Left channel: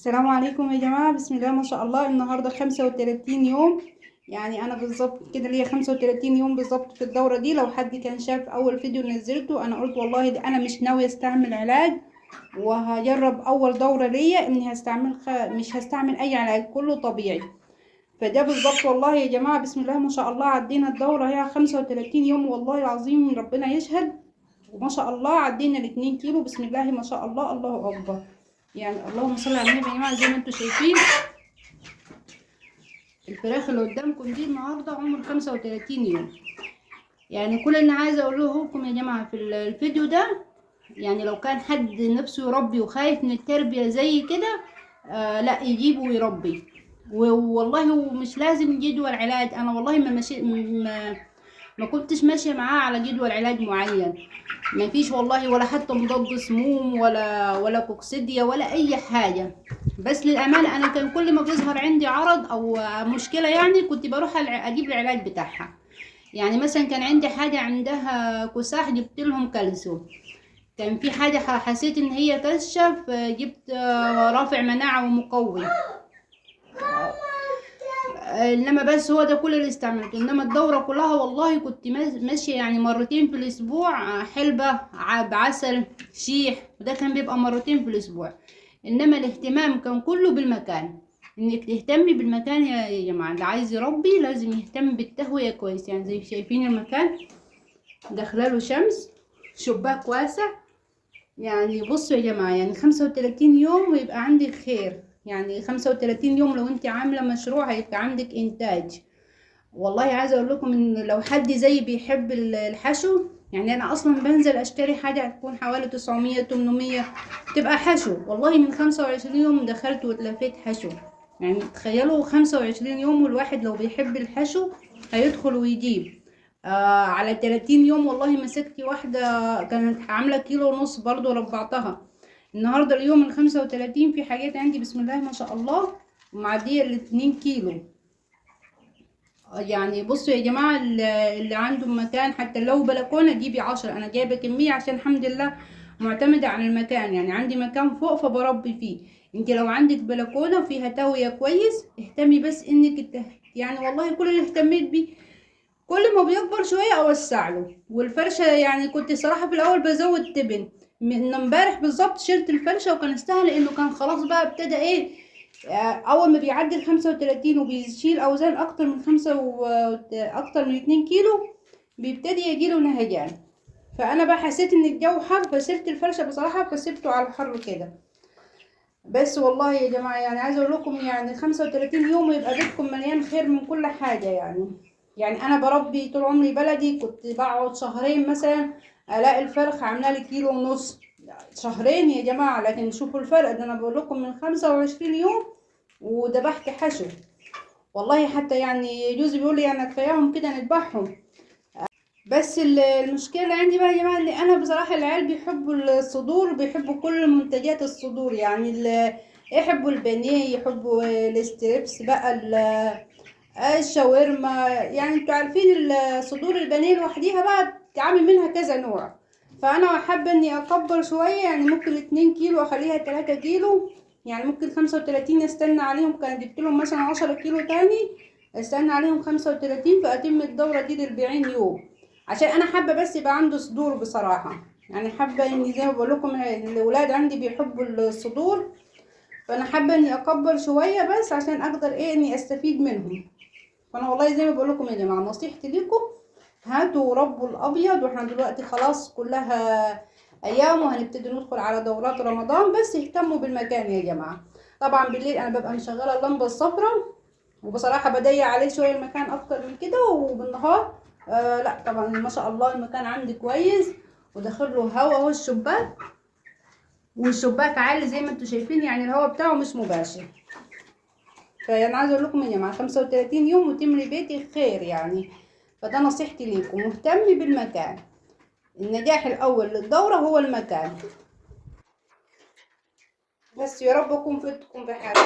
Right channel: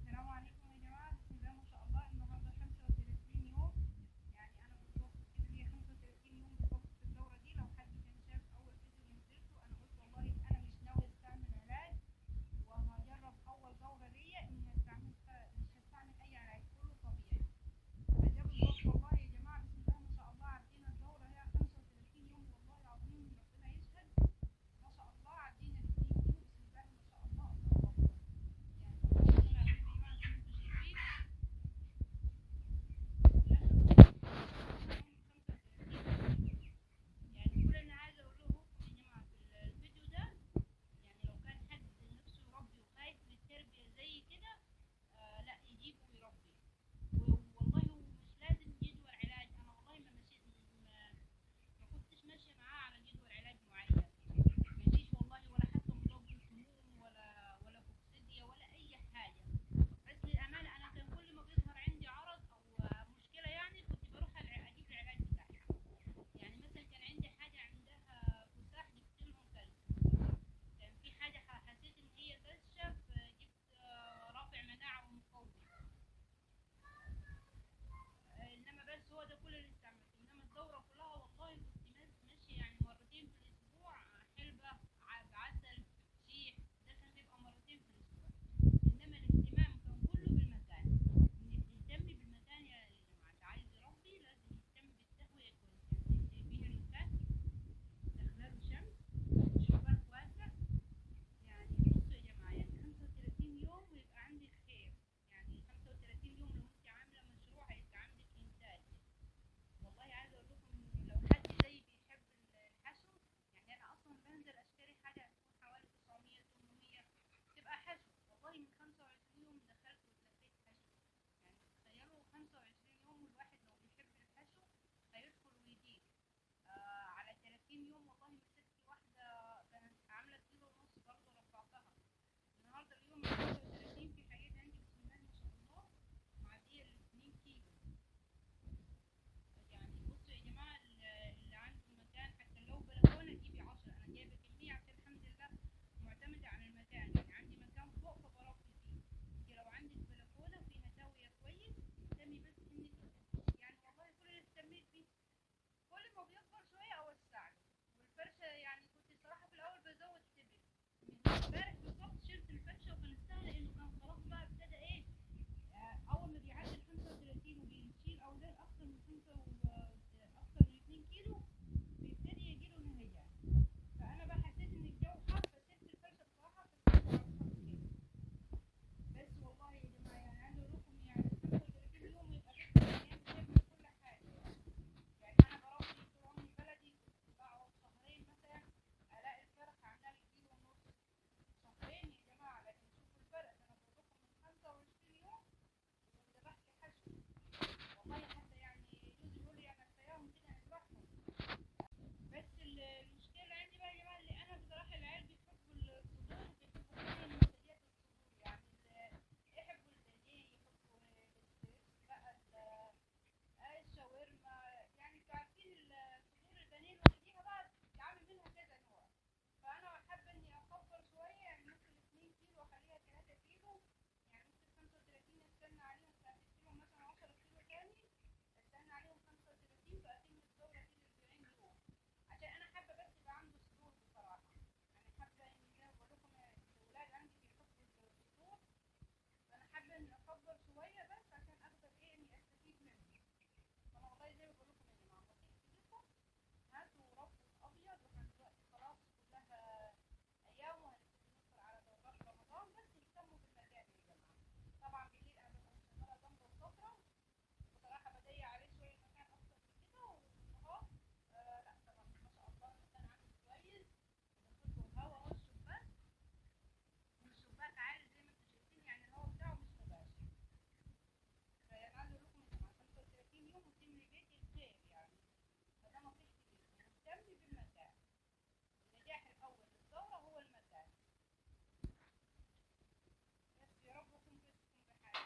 السلام عليكم يا جماعة، بسم الله ما شاء الله. النهاردة 35 يوم، يعني أنا بالظبط كده ليا 35 يوم بالظبط في الدورة دي. لو حد كان شاف أول فيديو نزلته، أنا قلت والله ده أنا مش ناوية استعمل علاج، وهجرب أول دورة ليا إني مش هستعمل أي علاج، كله طبيعي. فده بالظبط والله يا جماعة، بسم الله ما شاء الله. عدينا الدورة هي 35 يوم، والله العظيم ربنا يشهد. وما شاء الله عدينا ال2 كيلو، بسم الله ما شاء الله، الله أكبر. يعني اللهم صل على النبي يا جماعه. زي ما انتم شايفين الفراخ اللي قدامكم دي النهارده عمر 35 يوم. يعني كل اللي عايزه اقوله لكم يا جماعه في الفيديو ده، يعني لو كان حد نفسه يربي وخايف من التربيه زي كده، لا يجيبه ويربي. والله ومش لازم جدول علاج. انا والله ما كنتش ماشيه معاه على جدول علاج معين. ما فيش والله، ولا حتى مضاد سموم ولا كوكسيديا ولا اي حاجه. بس للامانه انا كان كل ما بيظهر عندي عرض او مشكله، يعني كنت بروح اجيب العلاج بتاعها. يعني مثلا كان عندي حاجه عندها كساح، جبت لهم كالسيوم. كان في حاجه حسيت ان هي كشف، جبت رافع مناعه ومقوي. انما بس هو ده كل اللي استعملته. انما الدورة كلها والله كنت ماشية يعني مرتين في الاسبوع، حلبة بعسل شيح، وده كان بيبقى مرتين في الاسبوع. انما الاهتمام كان كله بالمكان. انك تهتمي بالمكان يا جماعة. اللي عايز يربي لازم يهتم بالتهوية كويس. يعني زي شايفين المكان داخلاله شمس، شباك واسع. يعني بصوا يا جماعة، يعني 35 يوم ويبقى عندك خير. يعني 35 يوم لو انت عاملة مشروع هيبقى عندك انتاج. والله عايزة اقول لكم ان لو حد زي بيحب الحشو، يعني انا اصلا بنزل اشتري حاجة هتكون حوالي 900 800 تبقى حشو. والله من 25 يوم دخلت واتلفيت حشو. يعني تخيلوا 25 يوم، والواحد لو بيحب الحشو هيدخل ويجيب. على 30 يوم والله مسكت واحدة كانت عاملة كيلو ونص، برضو ربعتها. النهاردة اليوم ال35 في حاجات عندي بسم الله ما شاء الله ومعدية ال2 كيلو. يعني بصوا يا جماعة، اللي عنده مكان حتى لو بلكونة جيبي 10. انا جايبة كمية عشان الحمد لله معتمدة على المكان. يعني عندي مكان فوق فبربي فيه. انت لو عندك بلكونة فيها تهوية كويس، اهتمي بس انك يعني والله كل اللي اهتميت بيه كل ما بيكبر شوية اوسع له. والفرشة يعني كنت صراحة في الاول بزود تبن. من امبارح بالظبط شلت الفرشة، وكان استاهل لانه كان خلاص بقى ابتدى ايه، اول ما بيعدي ال35 وبيشيل اوزان اكتر من اكتر من 2 كيلو بيبتدي يجيله نهجان. فانا بقى حسيت ان الجو حر فسبت الفرشة بصراحة، فسبته على الحر كده. بس والله يا جماعة يعني عايزة اقول لكم، يعني 35 يوم يبقى بيتكم مليان خير من كل حاجة. يعني انا بربي طول عمري بلدي، كنت بقعد شهرين مثلا الاقي الفرخ عامله لي كيلو ونص. شهرين يا جماعة، لكن شوفوا الفرق ده. انا بقول لكم من 25 يوم وذبحت حشو. والله حتى يعني جوزي بيقول لي انا كفاياهم كده نذبحهم. بس المشكله عندي بقى يا جماعه، ان انا بصراحه العيال بيحبوا الصدور، بيحبوا كل منتجات الصدور. يعني يحبوا البانيه، يحبوا الستريبس بقى، الشاورما. يعني انتوا عارفين صدور البانيه لوحديها بقى بتتعمل منها كذا نوع. فانا حابه اني اكبر شويه، يعني ممكن 2 كيلو اخليها 3 كيلو. يعني ممكن 35 استنى عليهم، كان جبت لهم مثلا 10 كيلو تاني استنى عليهم 35، فاتم الدوره دي ل40 يوم. عشان انا حابه بس يبقى عنده صدور بصراحه. يعني حابه اني زي ما بقول لكم الاولاد عندي بيحبوا الصدور. فانا حابه اني اكبر شويه بس عشان اقدر ايه اني استفيد منهم. فانا والله زي ما بقول لكم يا جماعه، نصيحتي لكم هاتوا ربوا الابيض. واحنا دلوقتي خلاص كلها ايام وهنبتدي ندخل على دورات رمضان، بس اهتموا بالمكان يا جماعه. طبعا بالليل انا ببقى مشغله اللمبه الصفراء، وبصراحه بضيق عليه شويه المكان اكتر من كده. وبالنهار لا طبعا ما شاء الله المكان عندي كويس، وداخل له هوا اهو الشباك. والشباك عالي زي ما انتم شايفين، يعني الهوا بتاعه مش مباشر. فانا عايزه اقول لكم يا جماعه 35 يوم وتملي بيتي خير يعني. فده نصيحتي ليكم، مهتمي بالمكان. النجاح الاول للدوره هو المكان. بس يا رب اكون فدتكم بحاجه.